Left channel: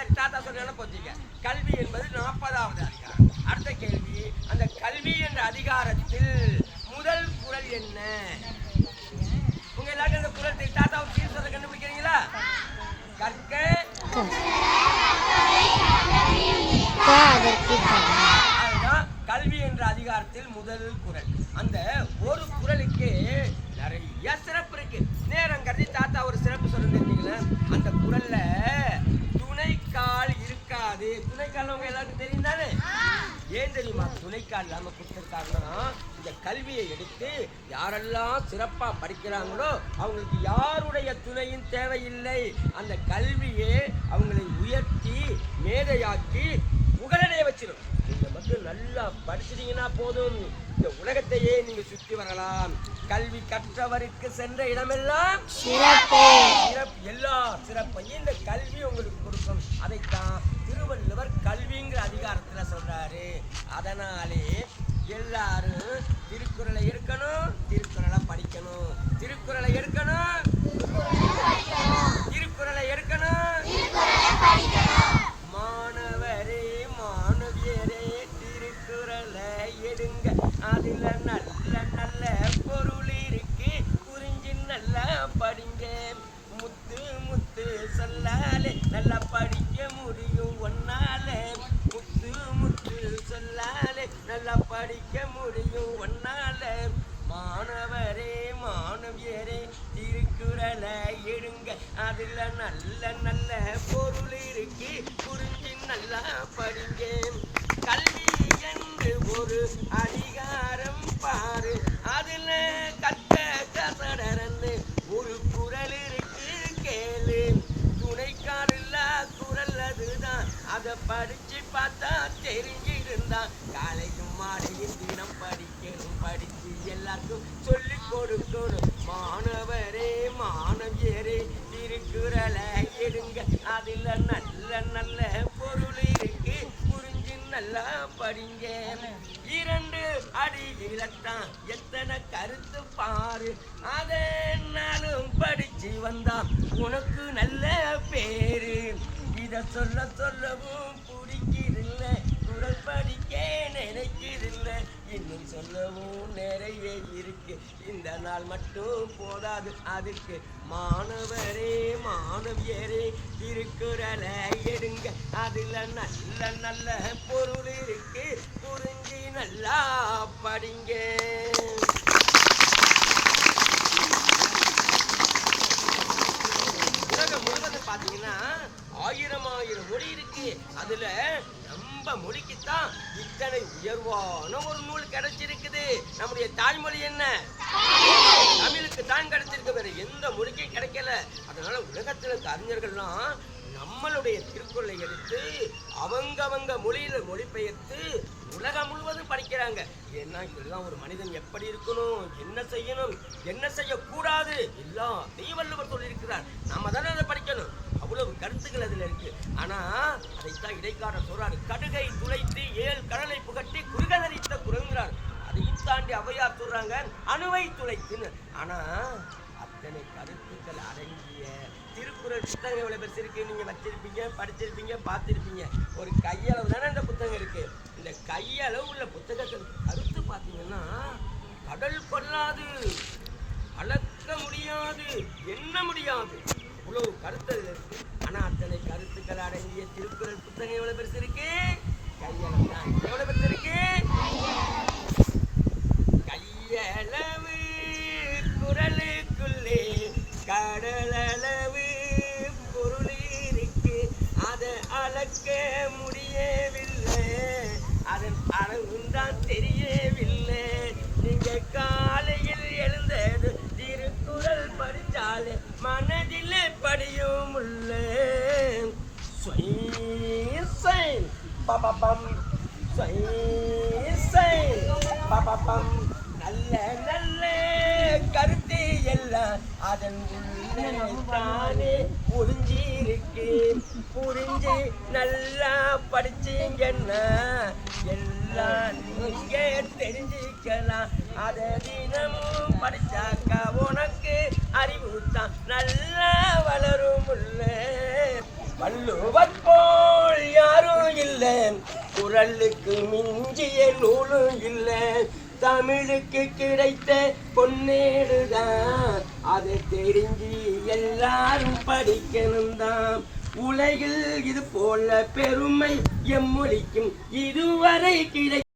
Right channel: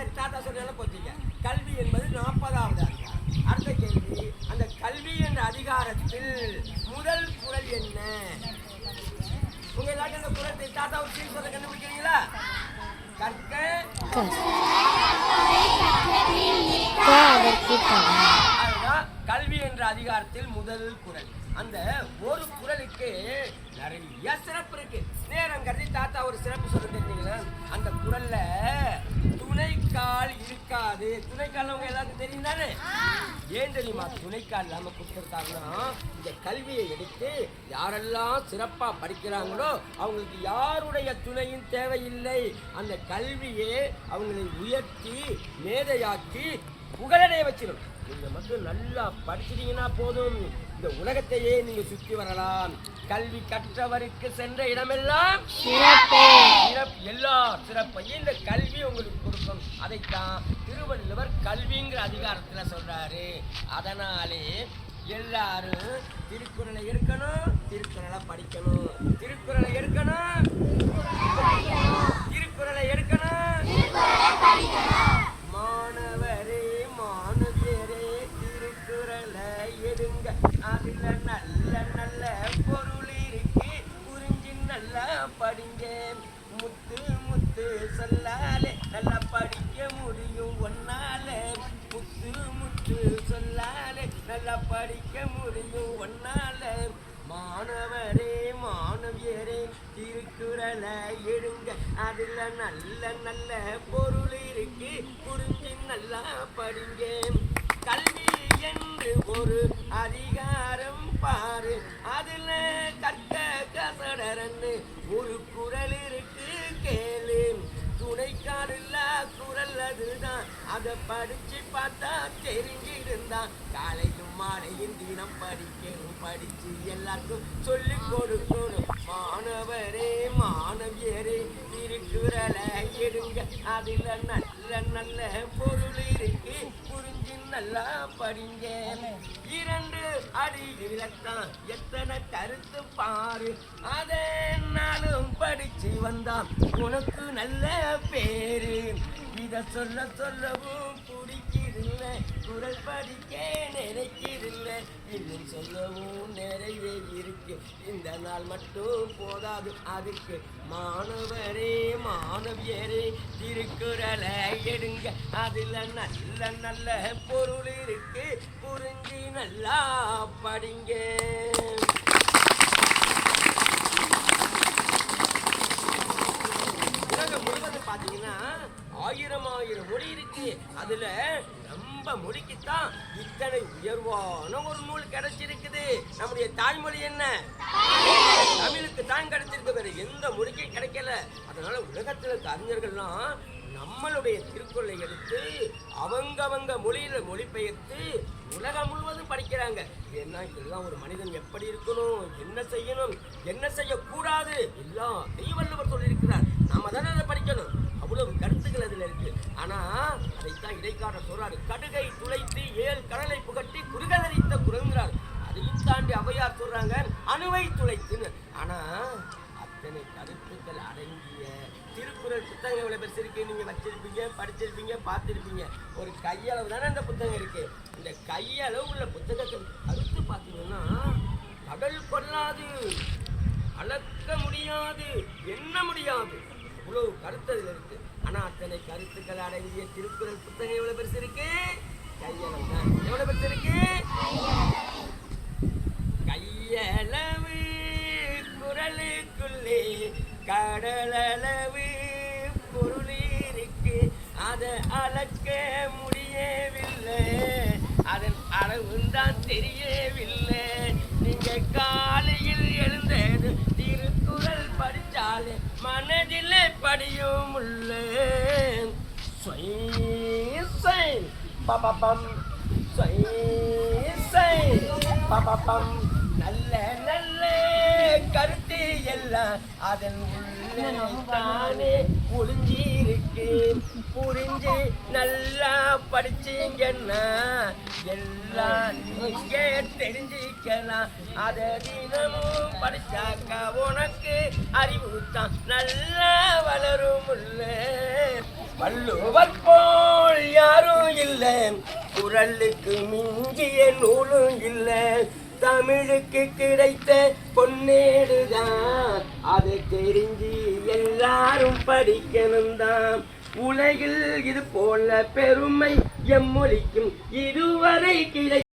சரி தாத்தா சொன்னாலும் பொறுத்தீங்க. கல்வி என்பது 40வது அதிகாரம். அடுத்த கேள்வி, அந்த கல்வி என்ற அதிகாரத்தில் முதல் குறள் என்ன? உங்க எல்லாருக்கும் அந்த குறள் தாத்தா ஒரு சீர் சொல்ல கண்டுபிடிக்கிறீங்களா? கற்க அதுதான் கல்வி என்ற அதிகாரத்தில் முதல் குறள். அந்த ஒரு குறளுக்கு நிறைய சிறப்பு இருக்கு. நேரம் கருதி தாத்தா ஒரு சிறப்பு சொல்ல தெரிஞ்சீங்களா? அந்த குறள்ல துணைக்கால் இருக்காது. துணைக்கால் உங்க எல்லாருக்கும் தெரியும் தானே? ஏன் தெரியுமா துணைக்கால் இல்லாம கொடுத்திருக்காங்கன்னா, இந்த கல்வியை எடுத்து யாரெல்லாம் சிறப்பா படிக்கிறாங்களோ அவங்களுக்கு யாருடைய துணையும் தேவையில்லை. அந்த கல்வியே அவங்களை உயர்த்தி மேதையாக்கி புகழடைய வச்சிடும். நீங்க மட்டும் நல்லா படிச்சிட்டீங்கன்னா போதும், இந்த உலகத்தையே நீங்க சுற்றி வரலாம். கல்வி கற்றவருக்கு சென்ற இடமெல்லாம் சிறப்பு. எல்லா சிறப்பையும் இந்த கல்வி உங்களுக்கு கொடுக்கும். அதைத்தான் திருவள்ளுவர் கல்விங்கிற அதிகாரத்துல சொல்றாரு. அதனாலே எல்லாரும் திருக்குறளை எடுக்கணும், திருக்குறளை படிக்கணும். திருக்குறளை எடுக்கணும், திருக்குறளை எடுக்கணும். மாணவரே மாணவியரே திருக்குறளை எடுங்க, அதுல நல்ல நல்ல பொருள் இருக்கு, புரிஞ்சு நல்லா படிங்க. முத்து முத்து சொல்லாலே நல்லா படிக்க முடியும் ஒன்னால. முத்து முத்து சொல்லாலே நல்லா படிக்க முடியும் ஒன்னால. மாணவரே மாணவியரே திருக்குறளை எடுங்க, அதுல நல்ல நல்ல பொருள் இருக்கு, புரிஞ்சு நல்லா படிங்க. கல்வி என்று ஒரு அதிகாரம் பாரு, அதுல கற்க கசடரன்னு ஒரு குறள் இருக்கு கேளு. துணைக்கால் இல்லா குறள் அதுதான், அதை படிச்சு பார்த்தா தெரிஞ்சிருந்தா. காலையும் மாலையும் தினம் படிக்கணும், படிச்சு எல்லாருக்கும் சொல்லி கொடுக்கணும். மாணவரே மாணவியரே திருக்குறளை எடுங்க, அதுல நல்ல நல்ல பொருள் இருக்கு, புரிஞ்சு நல்லா படிங்க. 2 அடியில்தான் எத்தனை கருத்து பாரு, அதை நாளும் படிச்சு வந்தான் உனக்கு நல்ல பேரு. இத சொல்ல சொல்லவும் பிடிக்கிறதில்ல, குறள் படிக்க நினைக்கிறதில்ல, இன்னும் சொல்லவும் நிறைய இருக்கு. இந்த நாள் மட்டும் போதாது அதுக்கு. மாணவரே மாணவியரே திருக்குறளை எடுங்க, அதுல நல்ல நல்ல பொருள் இருக்கு, புரிஞ்சு நல்லா படிங்க. உலகம் முழுவதும் பாத்தீங்கன்னா 1000 மொழி இருக்கு. அதுல நம்ம மொழிக்குத்தான் இத்தனை உயர்வான ஒரு நூல் கிடைச்சிருக்குது. நம்முடைய தாய்மொழி என்ன? தமிழுக்கு தான் கிடைச்சிருக்கு, வேற எந்த மொழிக்கும் கிடைக்கல. அதனால உலகத்துல இருக்க அறிஞர்கள்லாம் நம்மளுடைய திருக்குறளை எடுத்து அவங்க மொழியில மொழிபெயர்த்து உலகம் முழுவதும் படிக்கிறாங்க. ஏன்னா இதுதான் ஒரு மனிதன் எப்படி இருக்கணும், என்ன செய்யணும், என்ன செய்யக்கூடாது எல்லாம் வள்ளுவர் சொல்லியிருக்கிறார். நாம தானே அதை படிக்கணும். அவ்வளவு கருத்துக்கள் அதுல இருக்கு. ஆனா அதைத்தான் இடைக்காரர் சொல்றாரு, கடுகை துளைத்து 7 கடலை புகட்டி குறுகதறித்த குரங்கிறார். அதையும் தாண்டி ஔவையார் சொல்றாங்க அணுவை துளைத்துன்னு. ஆனா அத்தனை கருத்துக்கள் அடங்கிய திருக்குறள் புத்தகம் எவ்வளவு பெருசு இருக்கு, நீங்க வச்சிருப்பீங்க, படிச்சிருப்பீங்க, பார்த்திருப்பீங்க. ஒரு கையளவு தானே இந்த புத்தகம் இருக்கு. இந்த கையளவு உள்ள புத்தகத்தில் கருத்து பார்த்தீங்கன்னா கடல் கொள்ளாது, அளக்க முடியாது, எண்ண முடியாது, இவ்வளவு கருத்து அதுல இருக்கு. ஆனா அத்தனை கருத்துக்கள் அடங்கிய திருக்குறள் புத்தகம் எவ்வளவு பெருசு இருக்கு? கையளவு தான். எவ்வளவு பெருசு இருக்கு? கையளவு குறளுக்குள்ளே கடலளவு பொருள் இருக்கு, அதை அளக்க முடியவில்லை, அதன் அளவுதான் தெரியவில்லை. நீங்க காலையில் எழுந்தது திருக்குறள் படிச்சாலே மனதில் படியும் உள்ள. நல்ல நல்ல கருத்து எல்லாம் அதன் உள்ளே தானே ஒளிஞ்சிருக்கு. புரிஞ்சு நல்லா படிச்சீங்கன்னா எல்லாம் நீங்க தெரிஞ்சிக்கலாம். அதை தினமும் படிச்சாக்கா உனக்கு அறிவு தான் நல்லா வளரும் உள்ள. வள்ளுவர் குரலுக்கு மிஞ்சிய நூலும் இல்லை. தமிழுக்கு கிடைத்த பொன்னேடுதான், அதை தெரிஞ்சு எல்லாரும் படிக்கணும் தான். உலகில் இது போல பெருமை எம்மொழிக்கும் இதுவரை கிடை